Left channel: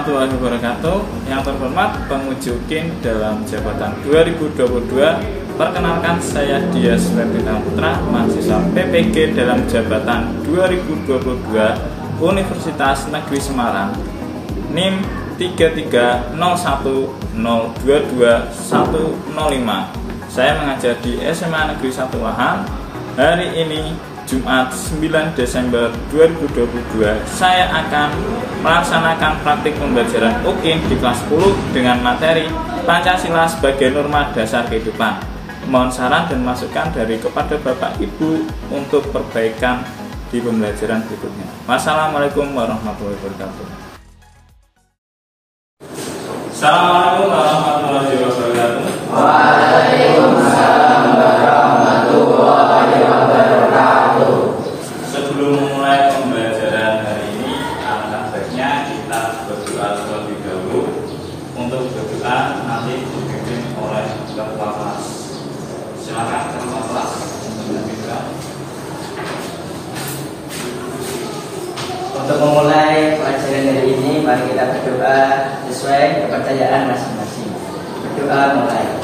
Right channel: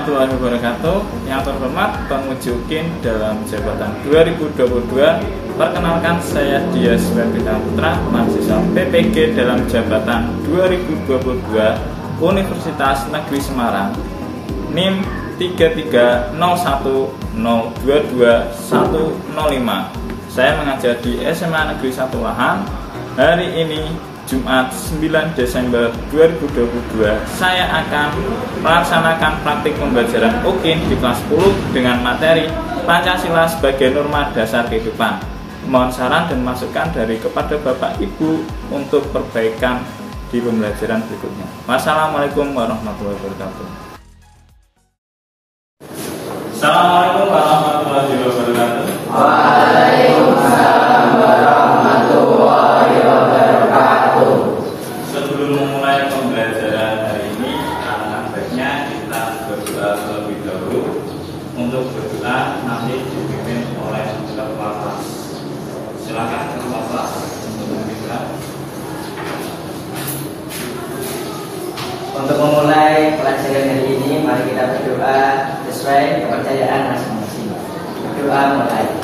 warahmatullahi wabarakatuh. Yang terhormat penguji UKIN dalam jabatan 2022, perkenalkan saya Dias Bintang Putra, mahasiswa PPG dalam jabatan 2022 Universitas Negeri Semarang, NIM 33010220105. Saya mengajar di SMA Negeri 1 Lahan. Hari ini Jumat 9 Desember 2022, saya akan melaksanakan praktik pembelajaran UKIN di kelas 10 dengan materi Pancasila sebagai norma dasar kehidupan. Mohon saran dan masukan dari kepada Bapak Ibu untuk perbaikan di pembelajaran berikutnya. Wassalamualaikum warahmatullahi wabarakatuh. Assalamualaikum warahmatullahi wabarakatuh. Waalaikumsalam warahmatullahi wabarakatuh. Sebelum memulai pembelajaran hari ini, alangkah baiknya kita berdoa terlebih dahulu. Untuk berdoa nanti dipimpin oleh ketua kelas. Silakan ketua kelas untuk berdoa. Untuk memulai pelajaran hari ini, mari kita berdoa sesuai kepercayaan masing-masing. Berdoa mulai.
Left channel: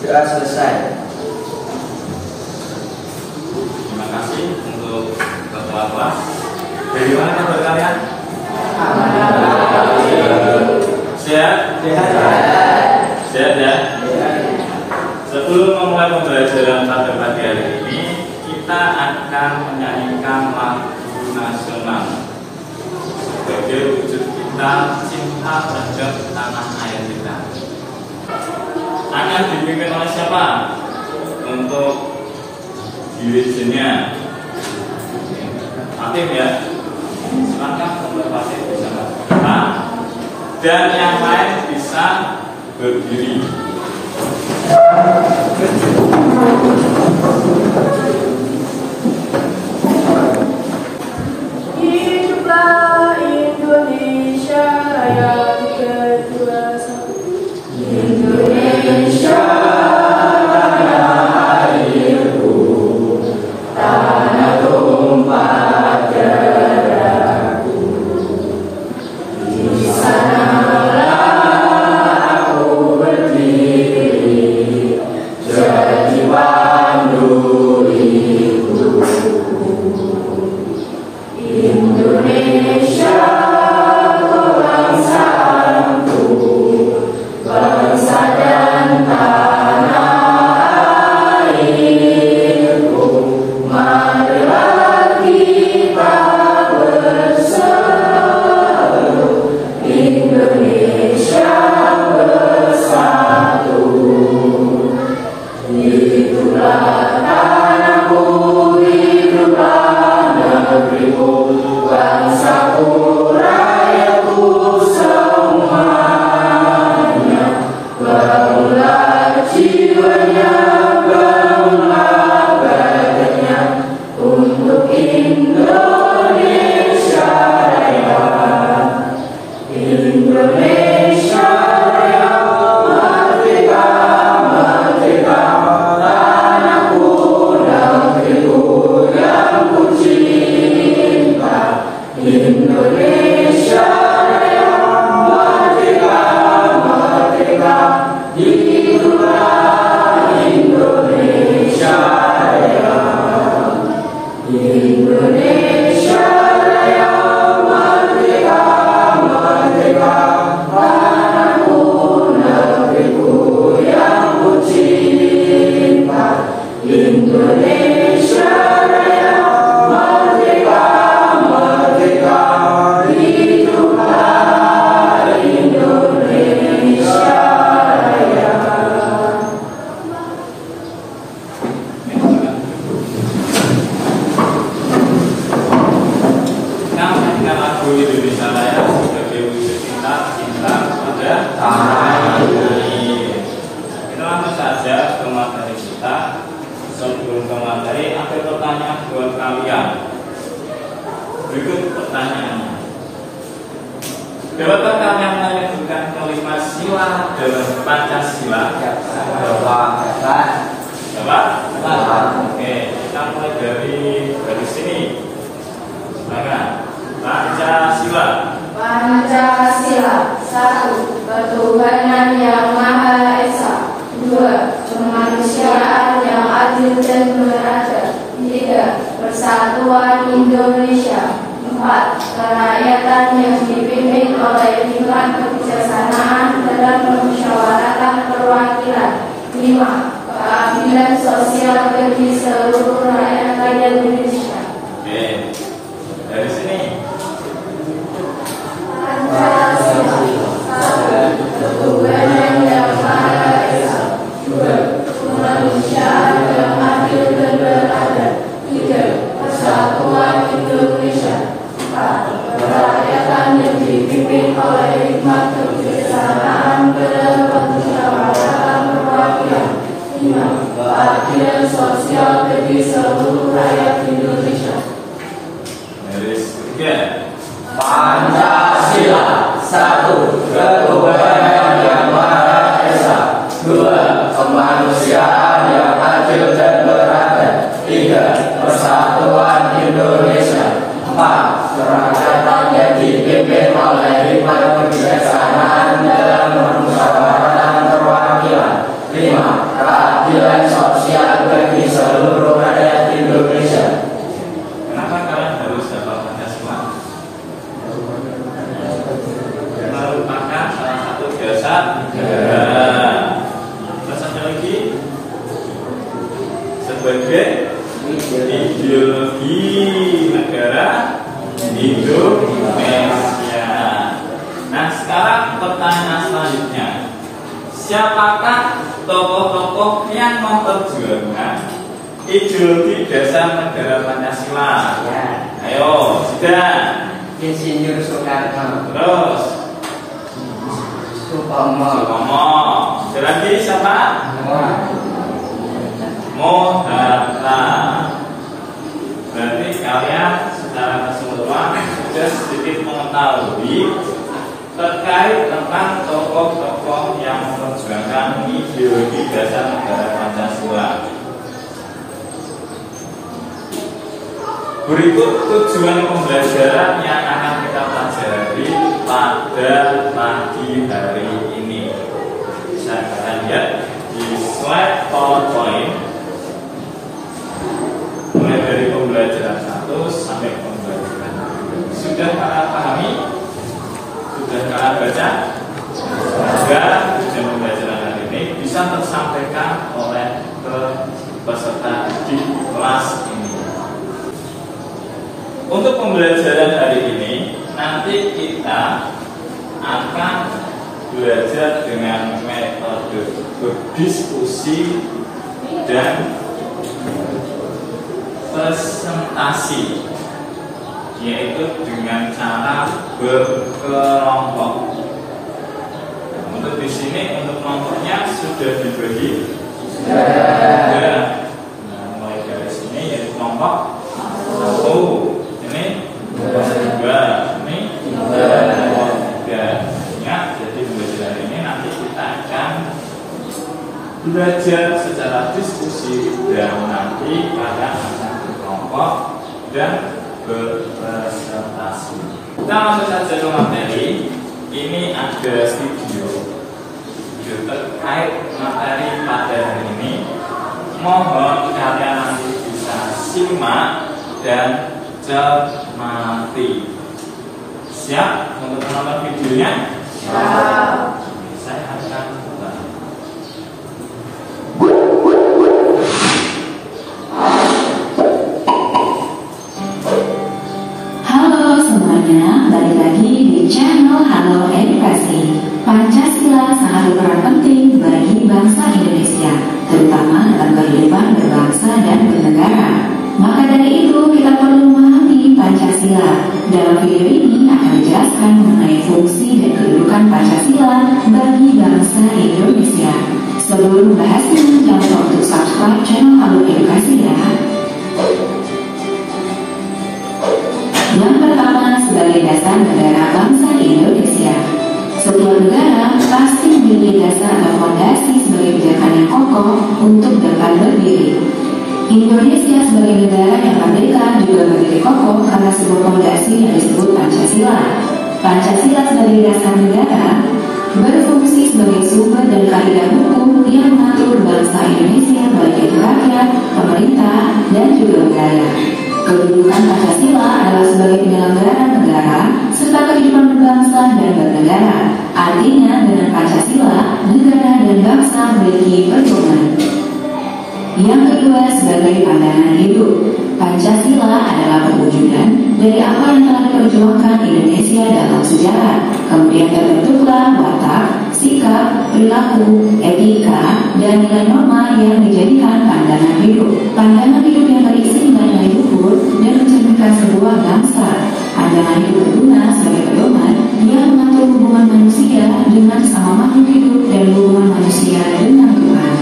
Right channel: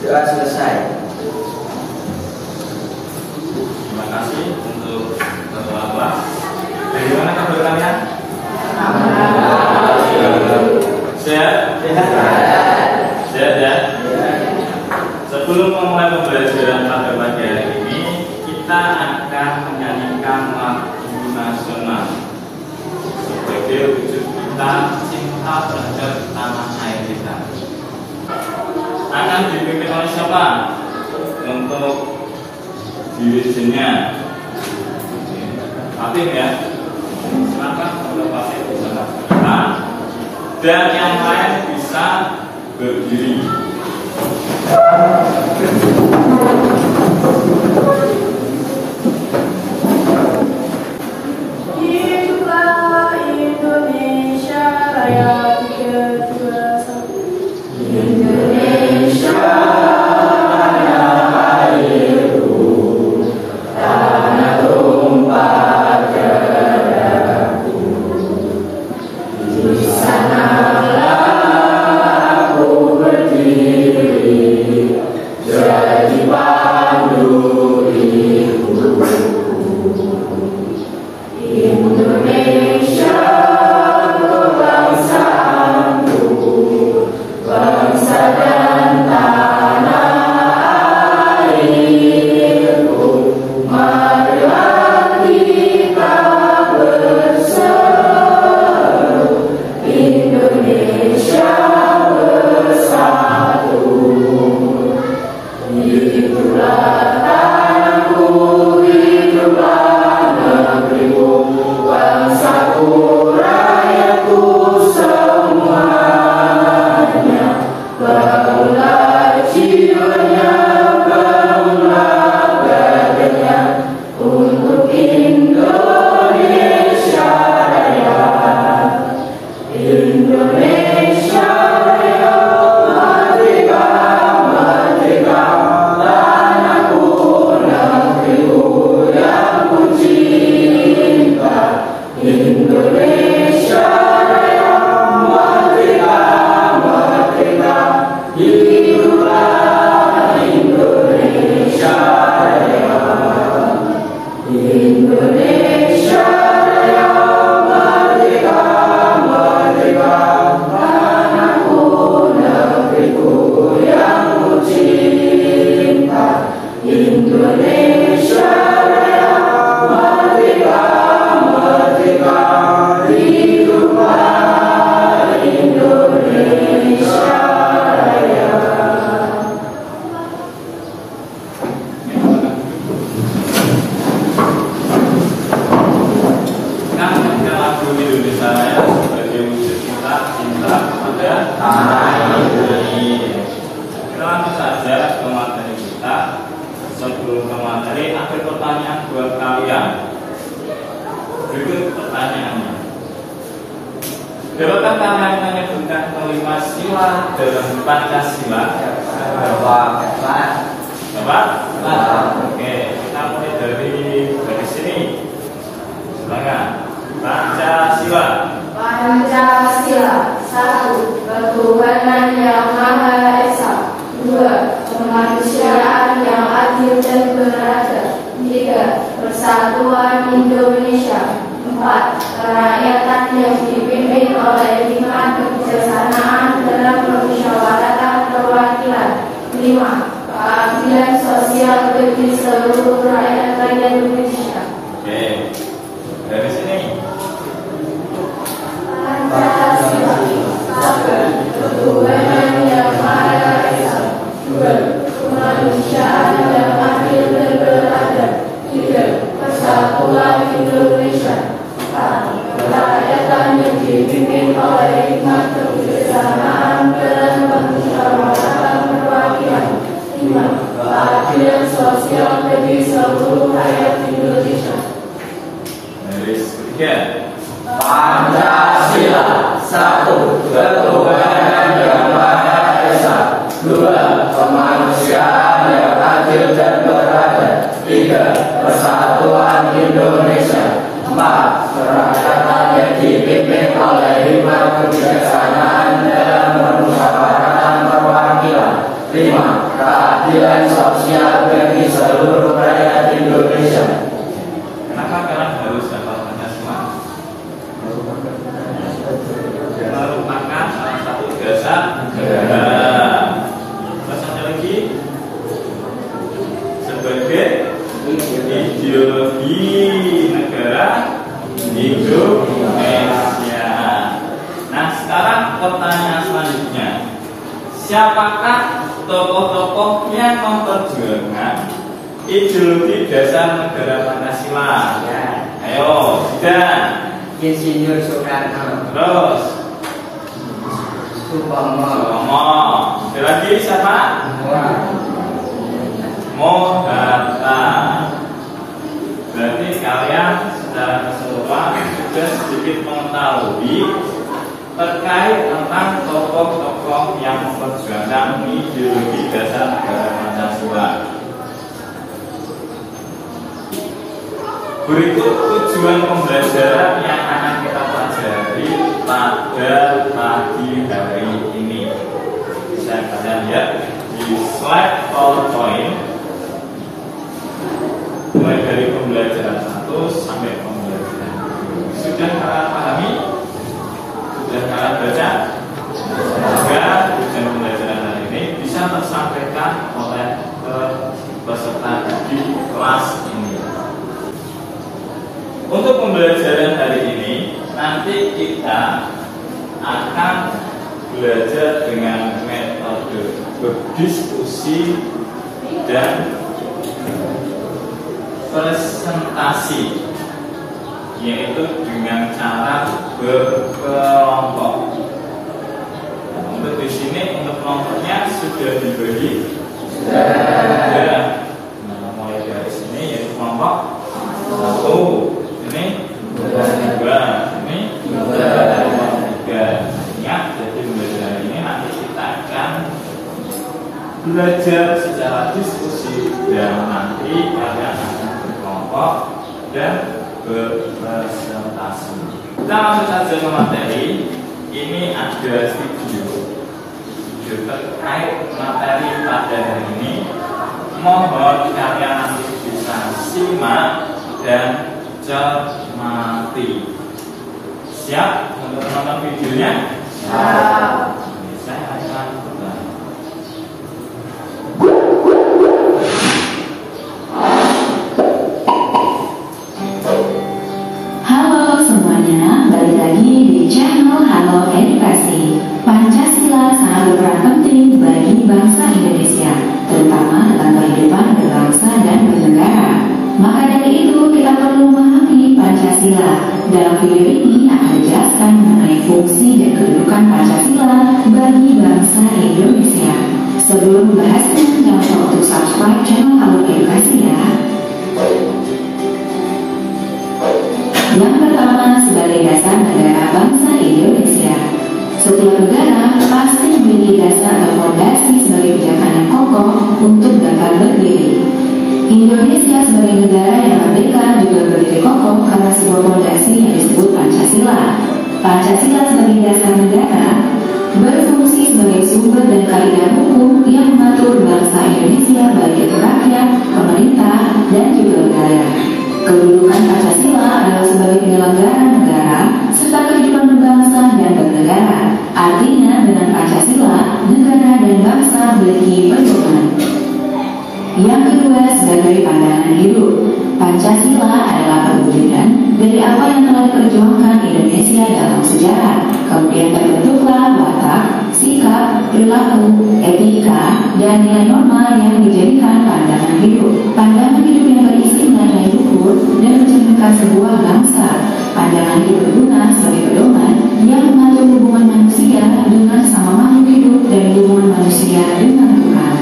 Doa selesai. Terima kasih untuk ketua kelas. Dari mana kabar kalian? Sehat? Sehat ya? Sebelum memulai pembelajaran pada pagi hari ini, kita akan menyanyikan lagu nasional sebagai wujud kita cinta terhadap tanah air kita. Akan dipimpin oleh siapa? Untuk dirijennya aktif ya. Silakan untuk pasti bisa kita dan yang lain bisa berdiri. Hiduplah Indonesia Raya ke-21. Indonesia Raya airku, tanah tumpah darahku. Di sanalah aku berdiri, jadi pandu hidupku. Indonesia kebangsaanku, bangsa dan tanah airku. Marilah kita bersatu, Indonesia bersatu. Hiduplah tanahku, hiduplah negeriku, bangsaku, rakyatku semuanya. Bangunlah jiwanya, bangunlah badannya untuk Indonesia Raya. Indonesia Raya, merdeka, merdeka, tanahku, negeriku yang ku cinta. Indonesia Raya, merdeka, merdeka, hiduplah Indonesia Raya. Indonesia Raya, merdeka, merdeka, tanahku, negeriku yang ku cinta. Indonesia Raya, merdeka, merdeka, hiduplah Indonesia Raya. Kita menyanyikan lagu Indonesia Raya sebagai wujud kita cinta pada tanah air. Kita langsung saja ke materi kita. Sebelum ke materi, ada pertanyaan buat kalian. Berikut pertanyaannya. Dapatkah kalian menyebutkan kelima sila dalam Pancasila? Dapat? Oke, kita mulai dari sini. Silakan. Pancasila. Pancasila. 1. Ketuhanan yang Maha Esa. 2. Kemanusiaan yang adil dan beradab. 3. Persatuan Indonesia. 4. Kerakyatan yang dipimpin oleh hikmat kebijaksanaan dalam permusyawaratan perwakilan. 5. Keadilan sosial bagi seluruh rakyat Indonesia. Oke, dari sini. Pancasila. 1. Ketuhanan yang Maha Esa. 2. Kemanusiaan yang adil dan beradab. 3. Persatuan Indonesia. 4. Kerakyatan yang dipimpin oleh hikmat kebijaksanaan dalam permusyawaratan perwakilan. 5. Keadilan sosial bagi seluruh rakyat Indonesia. Baris ketiga. Pancasila. 1. Ketuhanan yang Maha Esa. 2. Kemanusiaan yang adil dan beradab. 3. Persatuan Indonesia. 4. Kerakyatan yang dipimpin oleh hikmat kebijaksanaan dalam permusyawaratan perwakilan. 5. Keadilan sosial bagi seluruh rakyat Indonesia. Kenapa kalian harus hafal Pancasila? Merupakan salah satu dasar negara. Terus ada lagi sebagai ideologi negara Indonesia. Nah, sekarang pertanyaan selanjutnya, siapakah tokoh-tokoh yang memperjuangkan ideologi dasar negara Pancasila? Ya. Ayo, sudah. Insinyur Soekarno. Terus Supomo. Ada lagi siapa? Mohatta. Berarti kalian secara keseluruhan sudah sedikit mengetahui terkait tentang tokoh-tokoh yang memperjuangkan ideologi dasar negara Pancasila. Berikut tujuan pembelajaran yang akan kita pelajari pada pagi hari ini. Saya akan lihat di slide PowerPoint, mulai dari pembelajaran 1 sampai pembelajaran 2. Sudah kalian pahami? Sudah kalian baca? Semoga tujuan pembelajaran hari ini bisa tersampaikan oleh peserta di kelas ini. Untuk pembelajaran hari ini, nanti kita akan belajar dengan metode berdiskusi dan presentasi, yaitu dengan cara berkelompok. Untuk di sini, untuk kelompoknya sudah diberi. Sudah. Nah, mulai dari sini yaitu kelompok 1. Ini 2, ini 3. Ingat, jadi belajar ini nanti kita akan belajar secara diskusi dan nanti kalian akan berkelompok dan berpresentasi. Kita langsung saja ke materi. Ini ada video terkait materi pada hari ini. Mohon kalian nanti bisa simak dan cermati. Siap untuk menonton videonya? Siap. Saya akan mulai. Halo semuanya, balik lagi di channel Halo Edukasi. Pancasila sangat berperan penting bagi bangsa Indonesia, terutama dalam kehidupan berbangsa dan bernegara. Maka dari itu kita perlu memahami Pancasila. Dalam video ini akan dijelaskan mengenai fungsi dan kedudukan Pancasila bagi bangsa Indonesia. Sebelum membahasnya, jangan lupa untuk subscribe channel Halo Edukasi ya. Yang pertama, sebagai dasar negara bangsa Indonesia. Setiap negara pasti memiliki dasar atau fondasi sebagai pijakan yang kokoh untuk dapat berdiri. Indonesia sebagai negara yang merdeka juga berdiri kokoh karena sebuah fondasi yang disebut Pancasila. Pancasila sebagai dasar negara berfungsi sebagai sumber dan kaidah hukum yang mengatur bangsa Indonesia baik itu rakyat, pemerintah, dan juga negara. Kedudukan Pancasila adalah sebagai penyelenggara negara serta kehidupan berbangsa dan bernegara. Artinya dengan Pancasila, negara dan bangsa memiliki pedoman. Yang kedua, sebagai pandangan hidup. Pancasila adalah perwujudan dari apa yang telah diperjuangkan Indonesia dalam sejarah. Kemudian terbentuklah watak, sikap, perilaku, etika, dan nilai norma yang dijadikan pandangan hidup. Pandangan hidup yang berisi nilai luhur dan mencerminkan sebuah bangsa. Pandangan hidup berguna sebagai pedoman yang mengatur hubungan manusia dengan sama makhluk hidup dan hubungan manusia dengan Tuhan.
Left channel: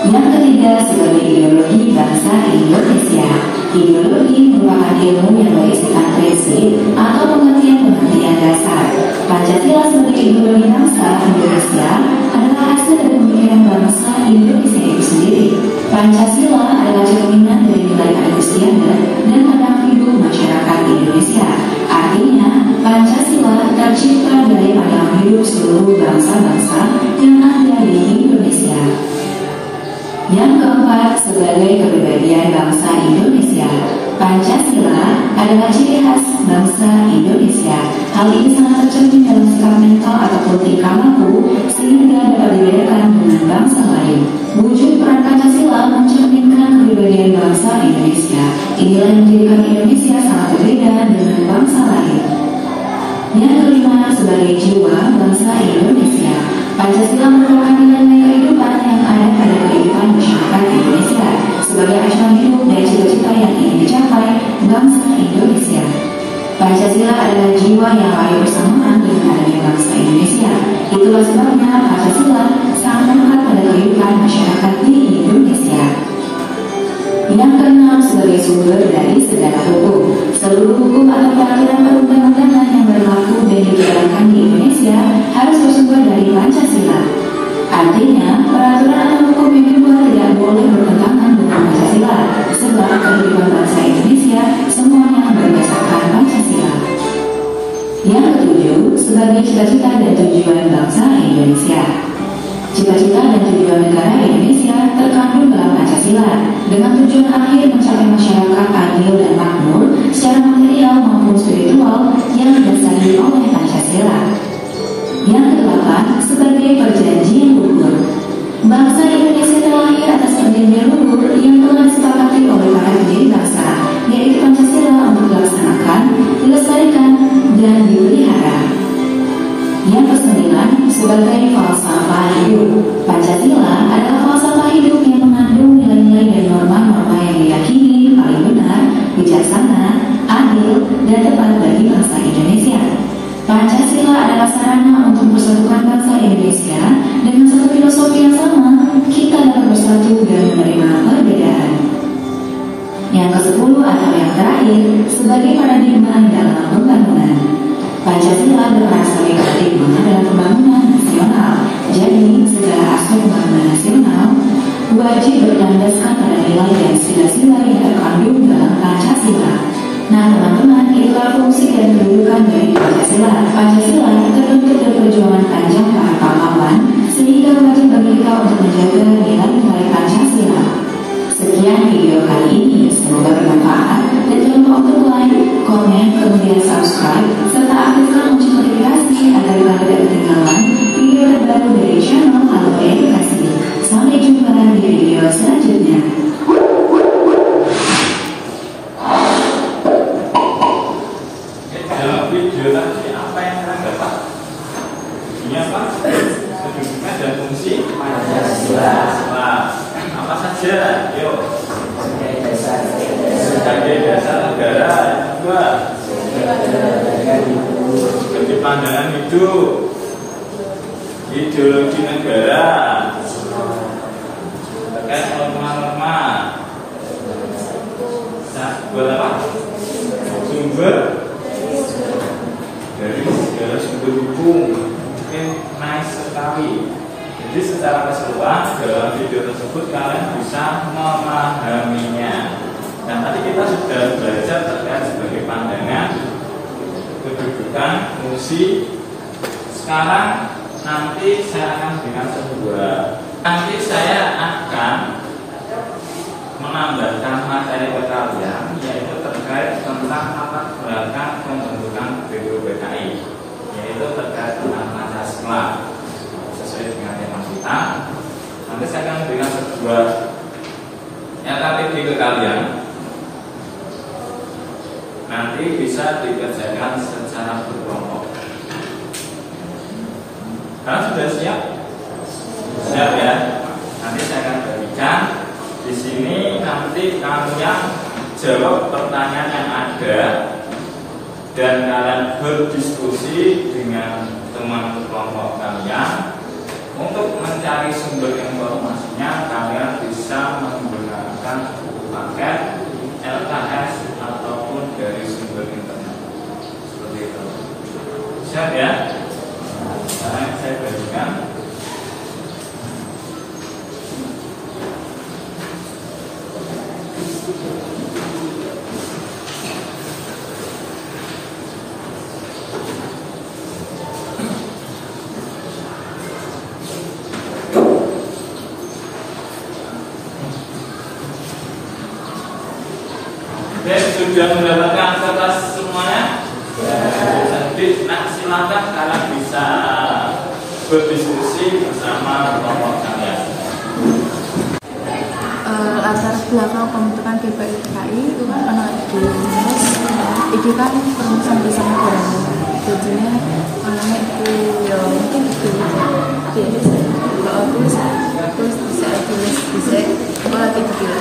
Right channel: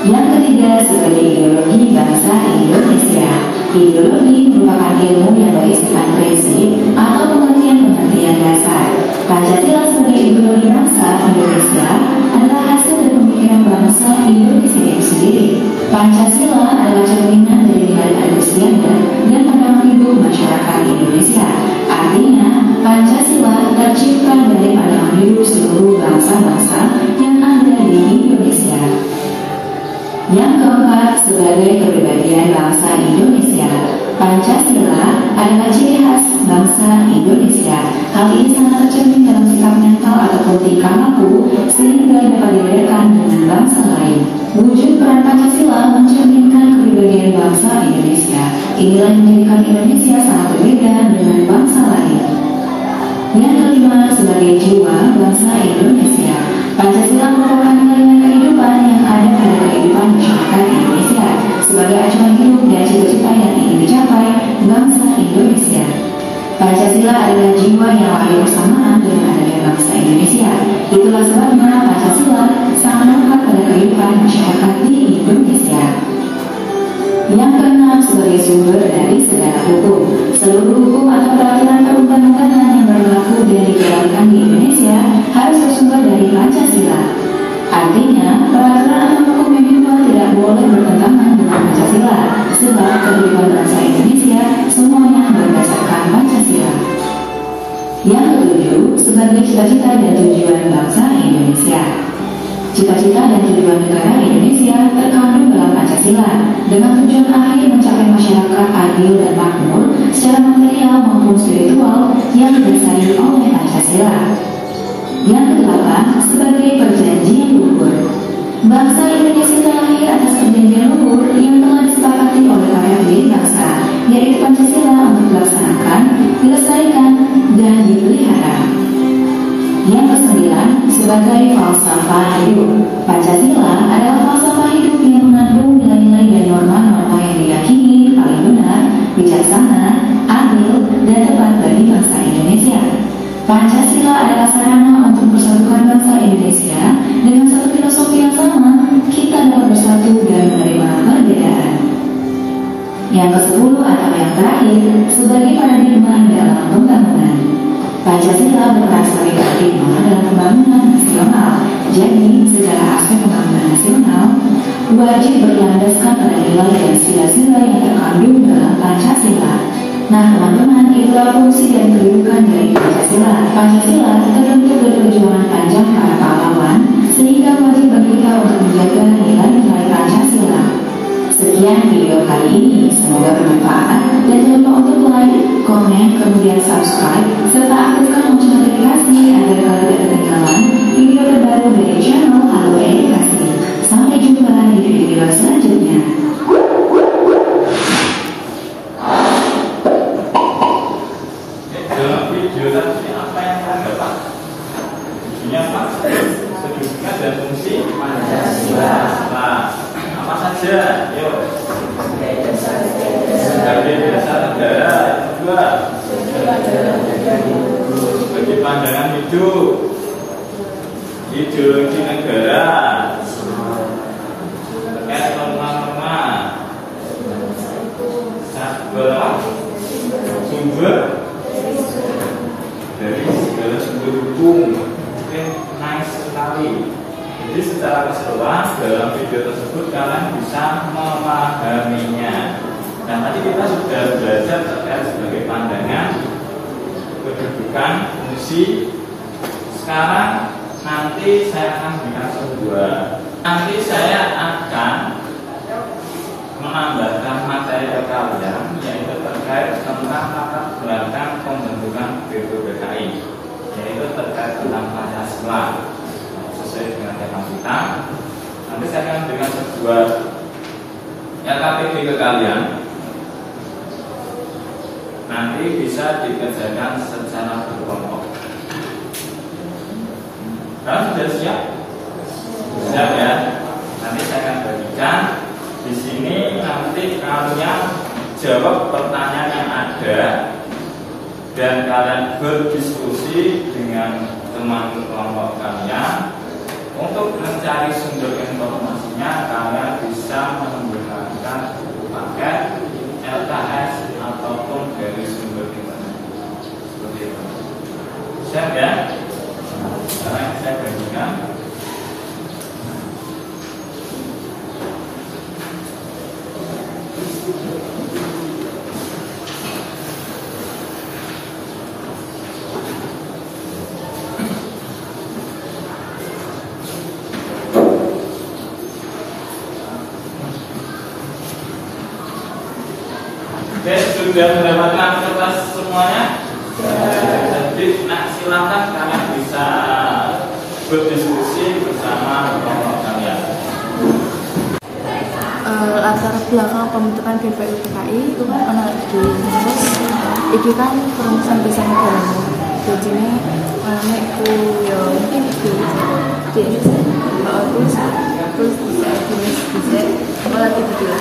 Yang ketiga, sebagai ideologi bangsa Indonesia. Ideologi merupakan ilmu yang berisikan prinsip atau pengertian-pengertian dasar. Pancasila sebagai ideologi bangsa Indonesia adalah hasil dari pemikiran bangsa Indonesia itu sendiri. Pancasila adalah cerminan dari nilai Agustiana dan pandangan hidup masyarakat Indonesia. Artinya, Pancasila tercipta dari pandangan hidup seluruh bangsa-bangsa yang ada di Indonesia. Yang keempat, sebagai kepribadian bangsa Indonesia. Pancasila adalah ciri khas bangsa Indonesia. Hal ini sangat tercermin dalam sikap mental ataupun tingkah laku sehingga dapat dibedakan dengan bangsa lain. Wujud peran Pancasila mencerminkan kepribadian bangsa Indonesia. Inilah yang menjadikan Indonesia sangat berbeda dengan bangsa lain. Yang kelima, sebagai jiwa bangsa Indonesia. Pancasila merupakan nilai-nilai kehidupan yang ada pada kehidupan masyarakat Indonesia sebagai acuan hidup dan cita-cita yang ingin dicapai bangsa Indonesia. Pancasila adalah jiwa yang lahir bersamaan dengan adanya bangsa Indonesia. Itulah sebabnya Pancasila sangat melekat pada kehidupan masyarakat di Indonesia. Yang keenam, sebagai sumber dari segala hukum. Seluruh hukum atau peraturan perundang-undangan yang berlaku dan dijalankan di Indonesia harus bersumber dari Pancasila. Artinya, peraturan atau hukum yang dibuat tidak boleh bertentangan dengan Pancasila, sebab kehidupan bangsa Indonesia semuanya berdasarkan Pancasila. Yang ketujuh, sebagai cita-cita dan tujuan bangsa Indonesia. Cita-cita dan tujuan negara Indonesia terkandung dalam Pancasila dengan tujuan akhir mencapai masyarakat adil dan makmur secara material maupun spiritual yang didasari oleh Pancasila. Yang kedelapan, sebagai perjanjian luhur. Bangsa Indonesia terlahir atas perjanjian luhur yang telah disepakati oleh para pendiri bangsa, yaitu Pancasila untuk dilaksanakan, dilestarikan, dan dipelihara. Yang kesembilan, sebagai falsafah hidup. Pancasila adalah falsafah hidup yang mengandung nilai-nilai dan norma-norma yang diyakini paling benar, bijaksana, adil, dan tepat bagi bangsa Indonesia. Pancasila adalah sarana untuk mempersatukan bangsa Indonesia dengan satu filosofi yang sama. Kita dapat bersatu dan menerima perbedaan. Yang ke-10 atau yang terakhir, sebagai paradigma dalam pembangunan. Pancasila berperan sebagai paradigma dalam pembangunan nasional. Jadi, segala aspek pembangunan nasional wajib berlandaskan pada nilai dan sila-sila yang terkandung dalam Pancasila. Nah, teman-teman, itulah fungsi dan kedudukan dari Pancasila. Pancasila terbentuk dari perjuangan panjang para pahlawan, sehingga wajib bagi kita untuk menjaga nilai-nilai Pancasila. Sekian video kali ini, semoga bermanfaat dan jangan lupa untuk like, komen, kemudian subscribe, serta aktifkan lonceng notifikasi agar kalian tidak ketinggalan video terbaru dari channel Halo Edukasi. Sampai jumpa di video selanjutnya. Dalam video tadi apa yang kalian dapat? Videonya apa? Kedudukan dan fungsi Pancasila. Apa saja? Yuk. Sebagai dasar negara. Dua, sebagai pandangan hidup. Ideologi negara. Terkait norma-norma. Sumber dari segala sumber hukum. Ini nice sekali. Jadi secara keseluruhan dalam video tersebut kalian bisa memahaminya. Dan tadi kita sudah belajar terkait sebagai pandangan, kedudukan, fungsi. Sekarang nanti saya akan berikan sebuah. Nanti saya akan menambahkan materi ke kalian, yaitu terkait tentang latar belakang pembentukan BPUPKI, yaitu terkait tentang Pancasila. Sesuai dengan tema kita, nanti saya akan memberikan sebuah LKPD ke kalian. Nanti bisa dikerjakan secara berkelompok. Kalian sudah siap? Siap ya? Nanti saya akan berikan di sini. Nanti kalian jawab pertanyaan yang ada dan kalian berdiskusi dengan teman kelompok kalian. Untuk mencari sumber informasinya, kalian bisa menggunakan paket LKS ataupun dari sumber internet. Seperti itu. Siap ya? Sekarang saya bagikan. Sudah mendapatkan kertas semuanya? Jadi, silakan kalian bisa berdiskusi bersama kelompok kalian. Latar belakang pembentukan BPUPKI itu kan analogi, terus itu kan perumusan desa negara. Jadinya makanya itu ya mungkin itu terus bisa kalau itu dia.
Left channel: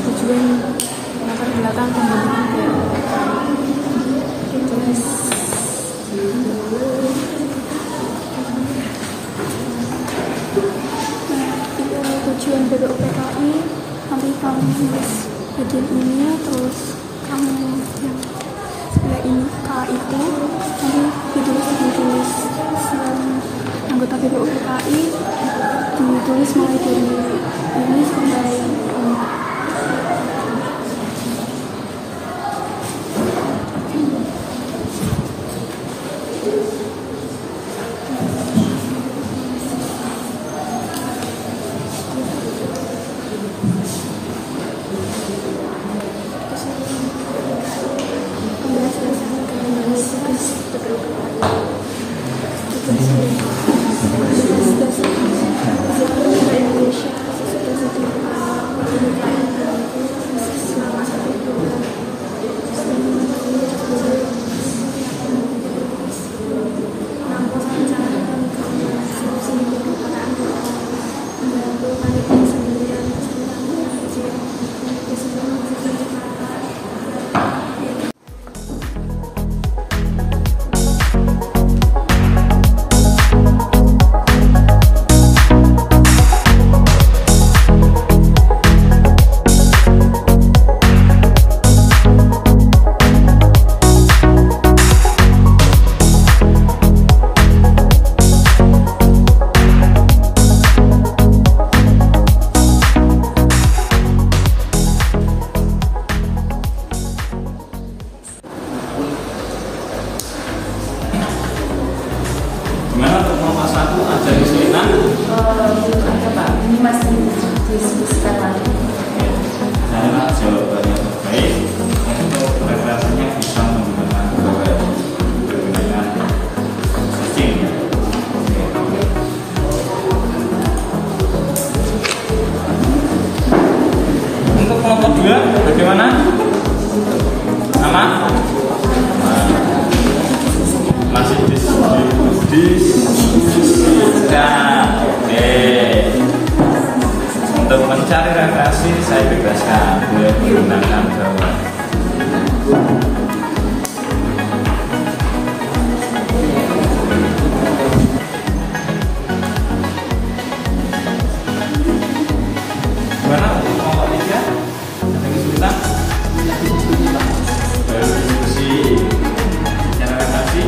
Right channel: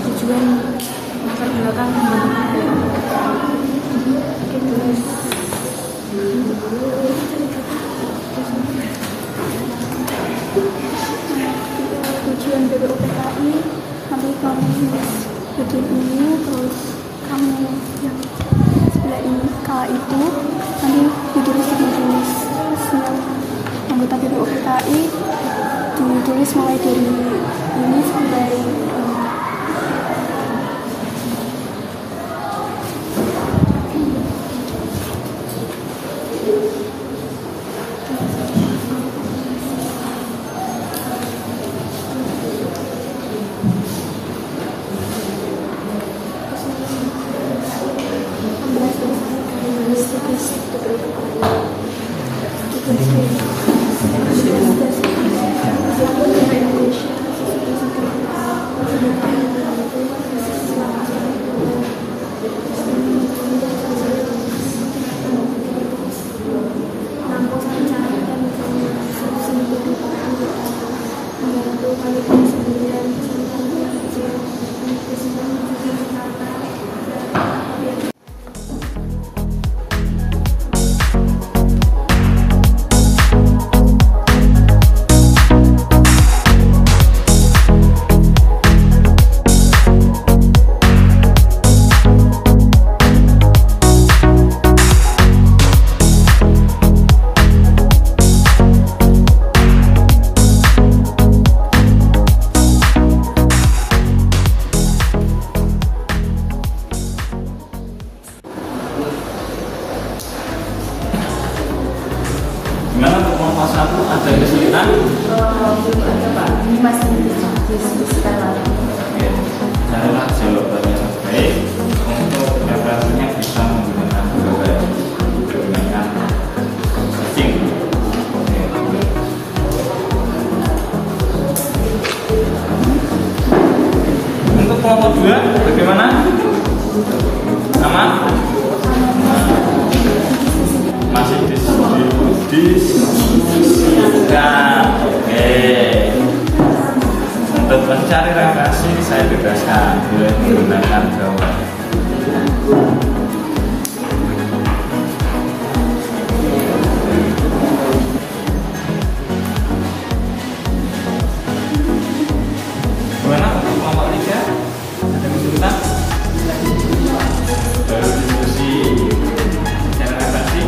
Tujuan latar belakang tujuan BPUPKI, nanti kamu nulis bikin ini, terus kamu yang sebelah ini kala itu nanti ditulis anggota BPUPKI, ditulis mulai dari ini sampai ini. Gimana untuk kelompok 1 ada kesulitan? Belum ada Pak, ini masih diskusikan lagi. Carilah jawaban yang baik. Untuk referensinya bisa menggunakan Google dengan searching. Untuk kelompok 2 bagaimana? Aman? Masih diskusikan. Oke. Untuk mencari referensi saya bebaskan, boleh menggunakan Google. Gimana untuk kelompok 3? Ada kesulitan? Baru diskusi, cari referensi.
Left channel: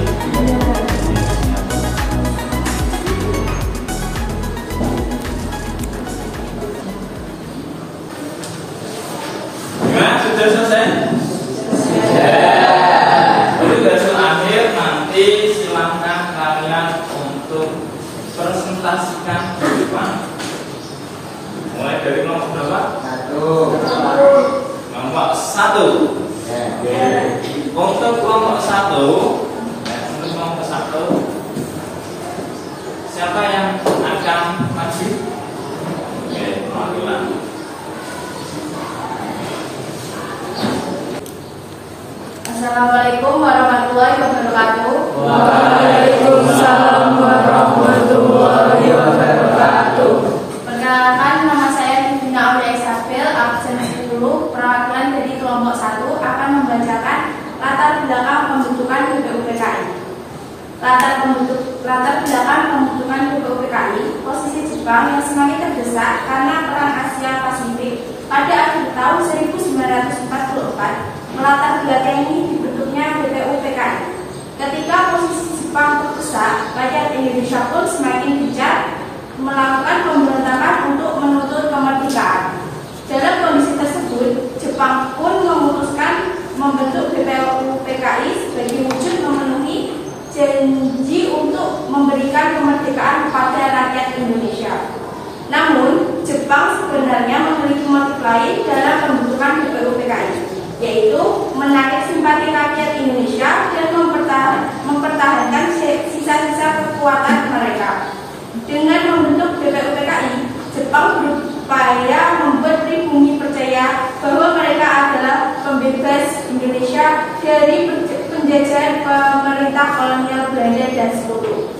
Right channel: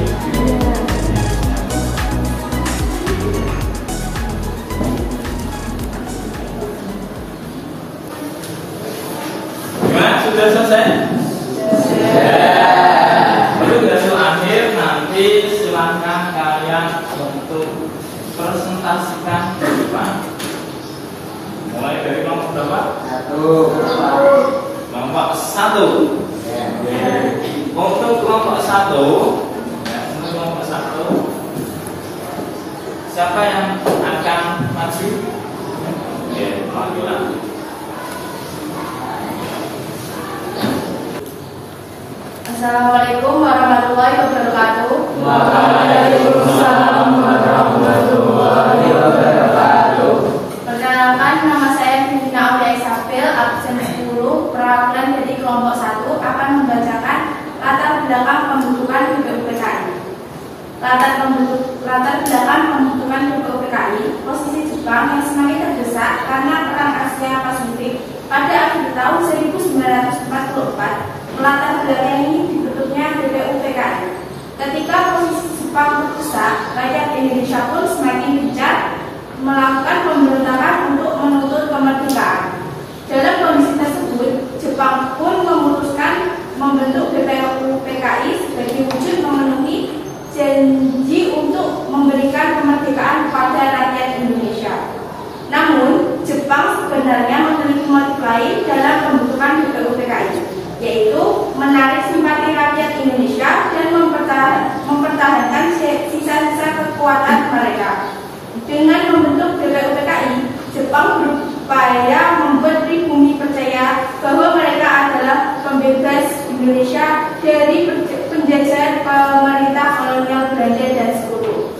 1. Untuk kelompok 1, siapa yang akan maju? Oke, perwakilan. Assalamualaikum warahmatullahi wabarakatuh. Waalaikumsalam warahmatullahi wabarakatuh. Perkenalkan, nama saya Bina Aulia Isabel, absen 10, perwakilan dari kelompok 1 akan membacakan latar belakang pembentukan BPUPKI. Latar belakang pembentukan BPUPKI, posisi Jepang yang semakin terdesak karena Perang Asia Pasifik pada akhir tahun 1944 melatar belakangi dibentuknya BPUPKI. Ketika posisi Jepang terdesak, rakyat Indonesia pun semakin gencar melakukan pemberontakan untuk menuntut kemerdekaan. Dalam kondisi tersebut, Jepang pun memutuskan membentuk BPUPKI sebagai wujud memenuhi janji untuk memberikan kemerdekaan kepada rakyat Indonesia. Namun, Jepang sebenarnya memiliki motif lain dalam pembentukan BPUPKI, yaitu menarik simpati rakyat Indonesia dan mempertahankan sisa-sisa kekuatan mereka. Dengan membentuk BPUPKI, Jepang berupaya membuat pribumi percaya bahwa mereka adalah pembebas Indonesia dari penjajahan pemerintah kolonial Belanda dan Sekutu.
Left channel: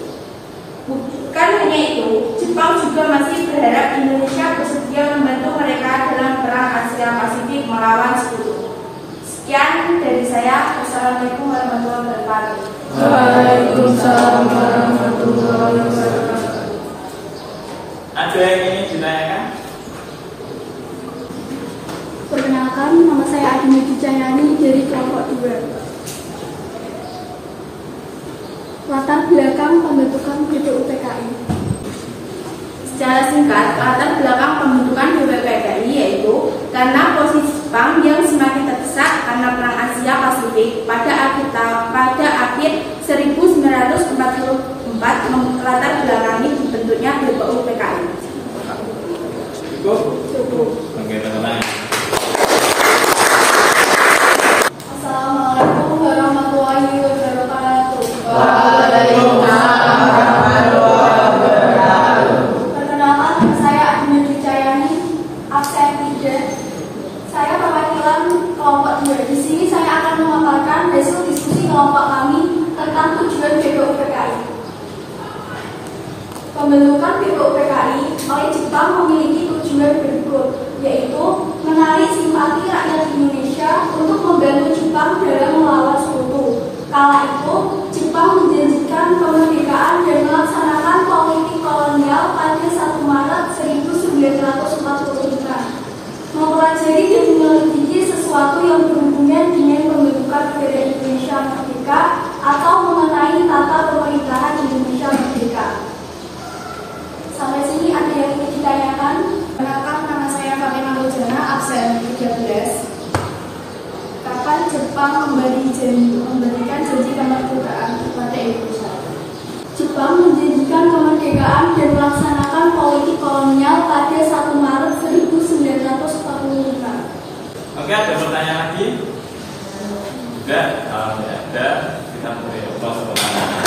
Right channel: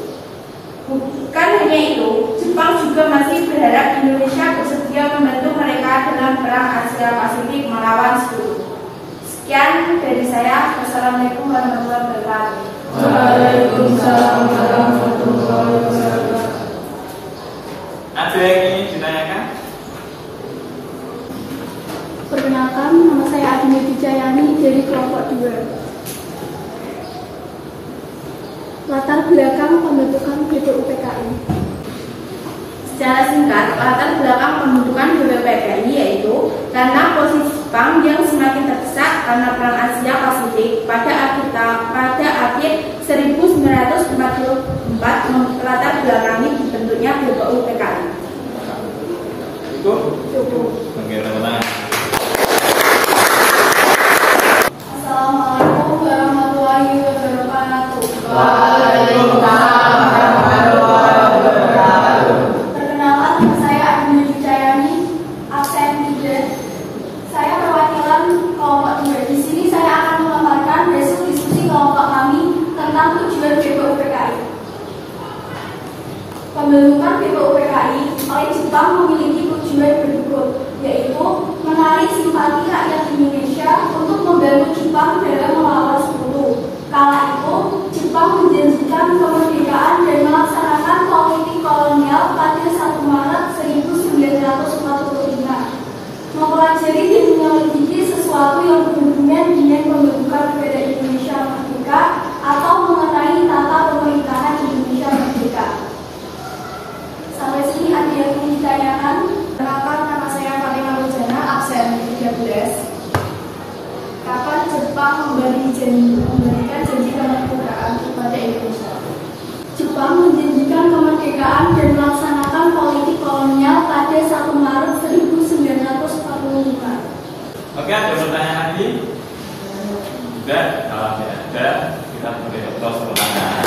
Bukan hanya itu, Jepang juga masih berharap Indonesia bersedia membantu mereka dalam Perang Asia Pasifik melawan Sekutu. Sekian dari saya. Wassalamualaikum warahmatullahi wabarakatuh. Waalaikumsalam warahmatullahi wabarakatuh. Ada yang ingin ditanyakan? Perkenalkan, nama saya Adini Dijayani dari kelompok 2. Latar belakang pembentukan BPUPKI. Secara singkat, latar belakang pembentukan BPUPKI yaitu karena posisi Jepang yang semakin terdesak karena Perang Asia Pasifik pada akhir 1944 melatar belakangi dibentuknya BPUPKI. Cukup? Cukup. Oke, tepuk tangan. Assalamualaikum warahmatullahi wabarakatuh. Waalaikumsalam warahmatullahi wabarakatuh. Perkenalkan, saya Adini Dijayani, absen 3. Saya perwakilan kelompok 2. Di sini saya akan memaparkan hasil diskusi kelompok kami tentang tujuan BPUPKI. Pembentukan BPUPKI oleh Jepang memiliki tujuan berikut, yaitu menarik simpati rakyat Indonesia untuk membantu Jepang dalam melawan Sekutu. Kala itu, Jepang menjanjikan kemerdekaan dan melaksanakan politik kolonial pada 1 Maret 1945. Mempelajari dan menyelidiki sesuatu yang berhubungan dengan pembentukan negara Indonesia Merdeka atau mengenai tata pemerintahan Indonesia Merdeka. Sampai sini ada yang ingin ditanyakan? Perkenalkan, nama saya Fatimah Rujana, absen 13. Kapan Jepang memberikan janji kemerdekaan kepada Indonesia? Jepang menjanjikan kemerdekaan dan melaksanakan politik kolonial pada 1 Maret 1945. Oke, ada pertanyaan lagi? Tidak? Oke, ada. Kita boleh close pertanyaan.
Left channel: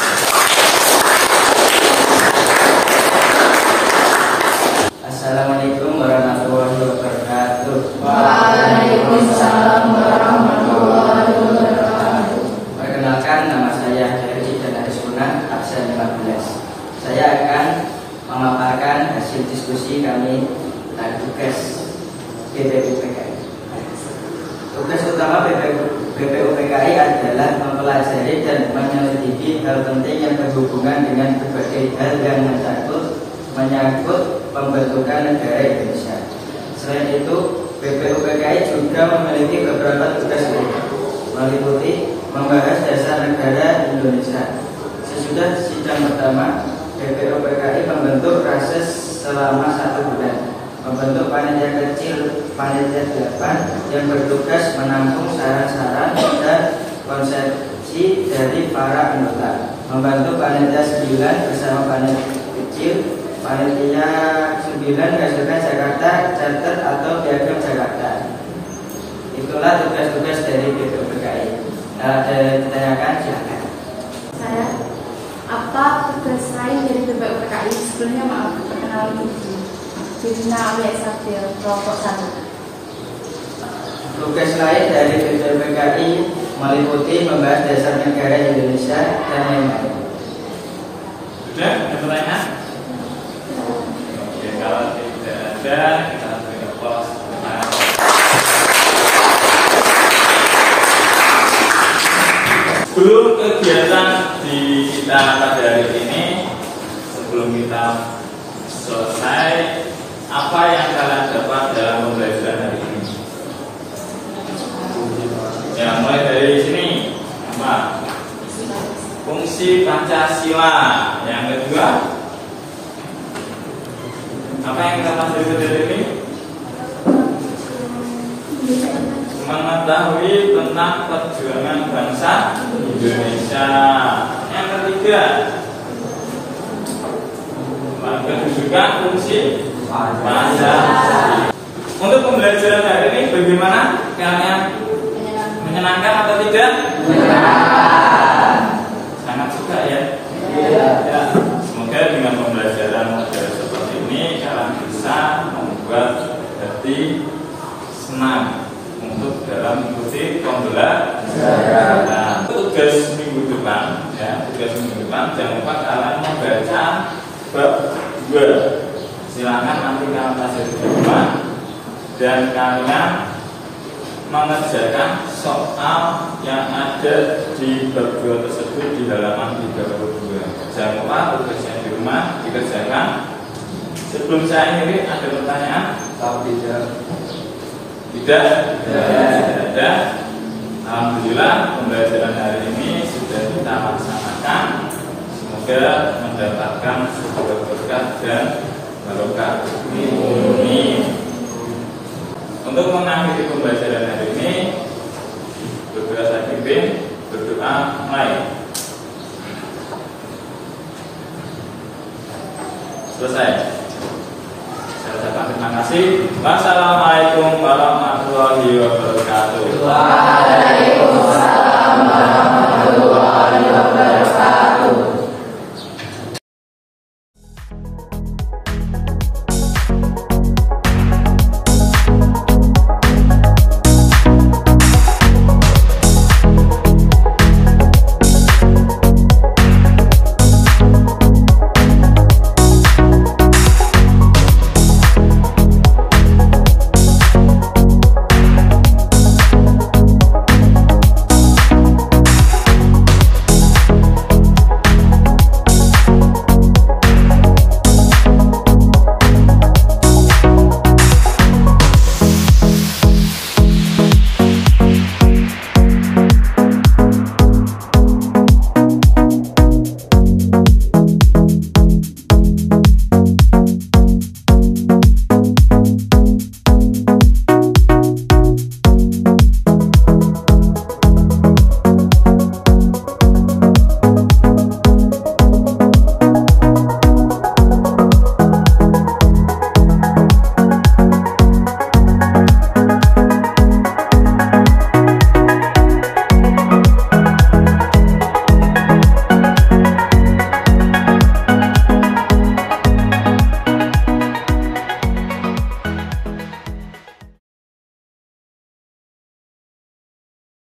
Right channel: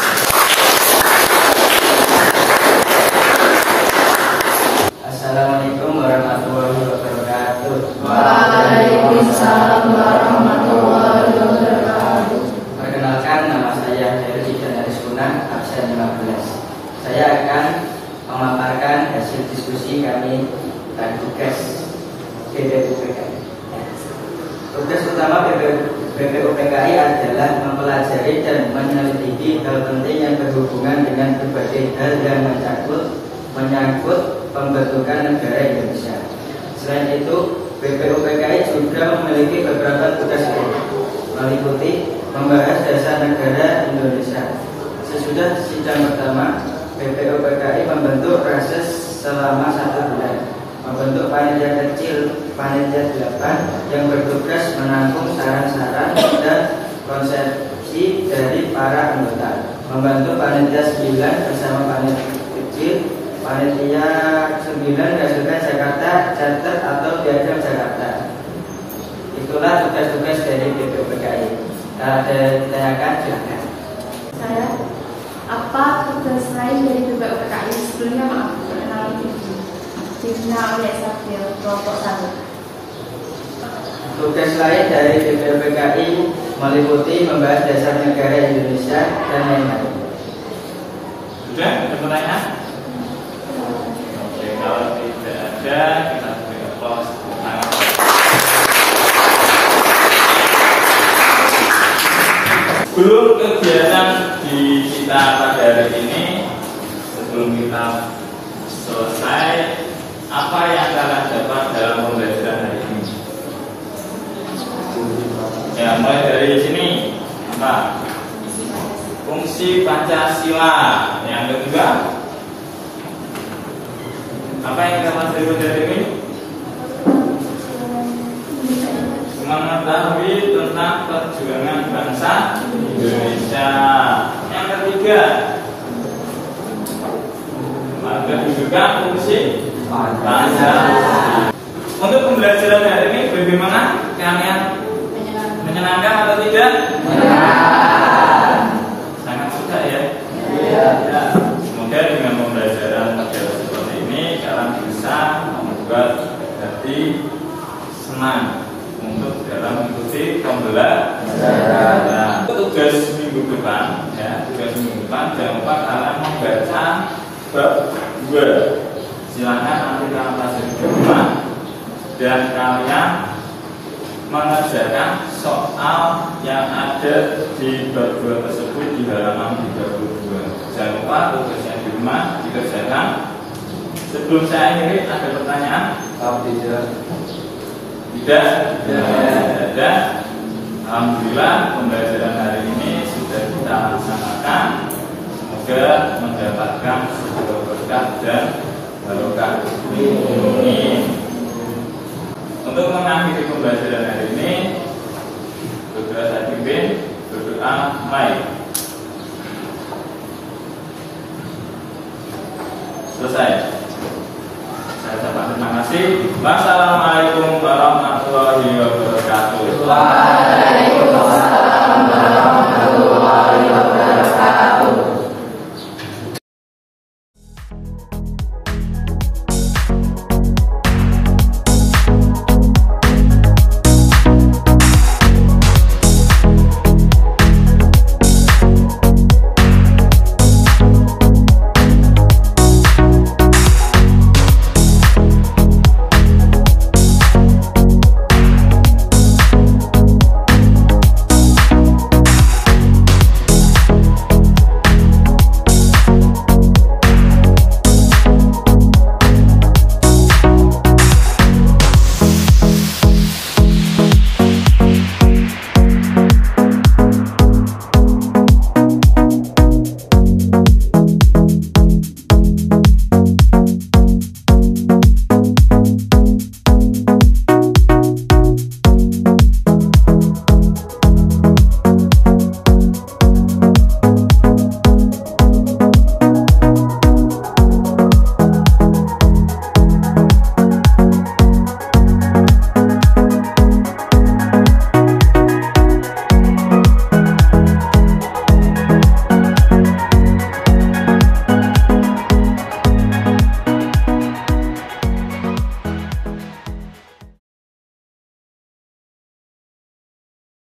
Assalamualaikum warahmatullahi wabarakatuh. Waalaikumsalam warahmatullahi wabarakatuh. Perkenalkan, nama saya Heri Daris Kunan, absen 15. Saya akan memaparkan hasil diskusi kami tentang tugas BPUPKI. Tugas utama BPUPKI adalah mempelajari dan menyelidiki hal penting yang berhubungan dengan berbagai hal yang menyangkut pembentukan negara Indonesia. Selain itu, BPUPKI juga memiliki beberapa tugas lain, meliputi membahas dasar negara Indonesia. Sesudah sidang pertama, BPUPKI membentuk rases selama 1 bulan, membentuk panitia kecil, panitia 8 yang bertugas menampung saran-saran dan konsepsi dari para anggota, membantu panitia 9 bersama panitia kecil. Panitia 9 menghasilkan Jakarta Charter atau Piagam Jakarta. Itu Itulah tugas-tugas dari BPUPKI. Ada ditanyakan, silakan. Saya, apa tugas lain dari BPUPKI? Sebelumnya maaf, perkenalan diri. Dibina oleh Isabel, kelompok 1. Tugas lain dari BPUPKI meliputi membahas dasar negara Indonesia dan lain-lain. Sudah ada pertanyaan? Oke, kalau tidak ada kita berikan pause. Sebelum kegiatan di kita pada hari ini, sebelum kita selesai, apa yang kalian dapat dalam pembelajaran hari ini? Ya, mulai dari sini apa? Fungsi Pancasila. Yang kedua, apa yang kita pelajari pada hari ini? Mengetahui tentang perjuangan bangsa Indonesia. Yang ketiga, kedudukan fungsi Pancasila. Untuk pembelajaran hari ini bagaimana? Kalian menyenangkan atau tidak? Sangat suka ya? Ya. Semoga dengan pembelajaran model seperti ini kalian bisa membuat hati senang untuk dalam mengikuti pembelajaran. Tugas minggu depan, ya, tugas minggu depan jangan lupa kalian membaca bab 2. Silakan nanti kalian pelajari di rumah dan kalian mengerjakan soal yang ada di bab 2 tersebut di halaman 32. Jangan lupa tugasnya di rumah dikerjakan. Sebelum saya akhiri, ada pertanyaan? Tidak ada. Alhamdulillah pembelajaran hari ini sudah kita laksanakan. Semoga mendapatkan sebuah berkah dan barokah. Amin. Untuk mengakhiri pembelajaran hari ini, berdoa saya pimpin, berdoa mulai. Selesai. Saya ucapkan terima kasih. Wassalamualaikum warahmatullahi wabarakatuh. Waalaikumsalam warahmatullahi wabarakatuh.